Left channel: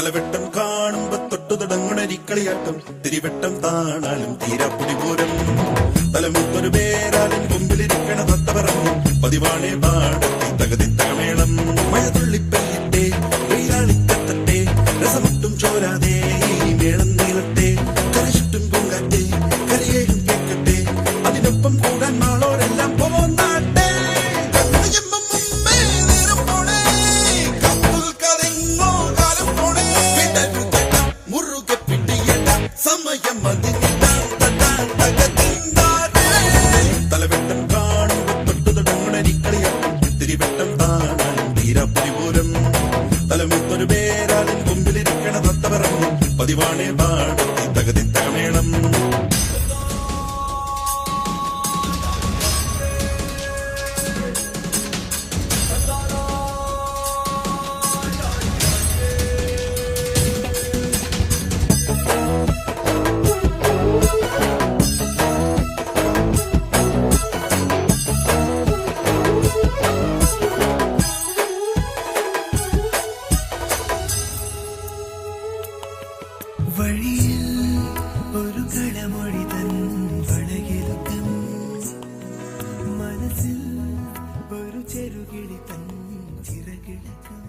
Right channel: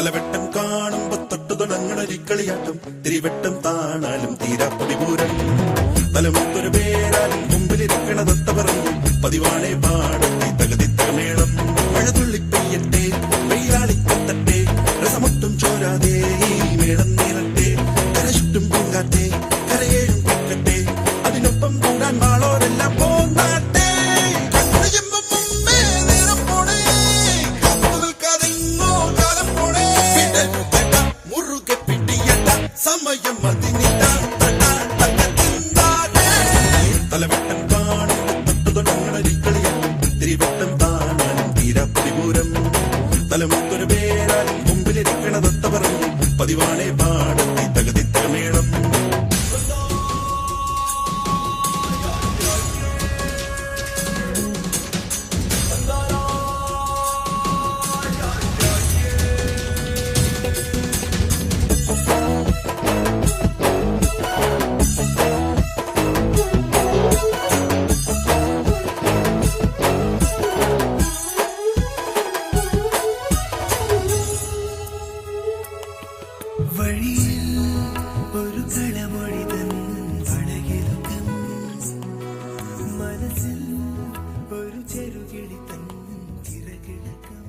തലവെട്ടം കാണുമ്പോ തൊട്ടു തുടങ്ങുണരിക്കളിയാട്ടം തിരിവെട്ടം താണാലും തീരാപ്പൊടി പോരം തലമുത്തൊരു പേരാലും മുമ്പിലിരിക്കണ തൊട്ട പറഞ്ഞു പതിവാണേ പാടത്തി തകതിത്തമേളം മഴ തുള്ളിപ്പെയ്യട്ടെ വെയിലാളിക്കെത്തട്ടെ രസമൊട്ടും ചോരാതെ ഈ മേളം നീളട്ടെ കരചുറ്റും പൊങ്കാട്ടെ കരയേഴും കേൾക്കട്ടെ അതിനൊപ്പം കൂടാൻ നാളോടെല്ലാം പോന്നാട്ടെ സമയം തലവെട്ടം കാണുമ്പോ തൊട്ടു തുടങ്ങുണരിക്കളിയാട്ടം തിരിവെട്ടം താണാലും തീരാപ്പൊടിപൂരം തലമുത്തൊരു പേരാലും മുമ്പിലിരിക്കണ തത്ത പറഞ്ഞു പതിവാണേ പാടത്തി തകതിത്തമേളം വഴിയിൽ ഒരു കളമൊഴി തൻ വളകിലുക്കം മനസ്സിൽ ഒരു ചെറുകിളി തൻ ചിറകിളക്കം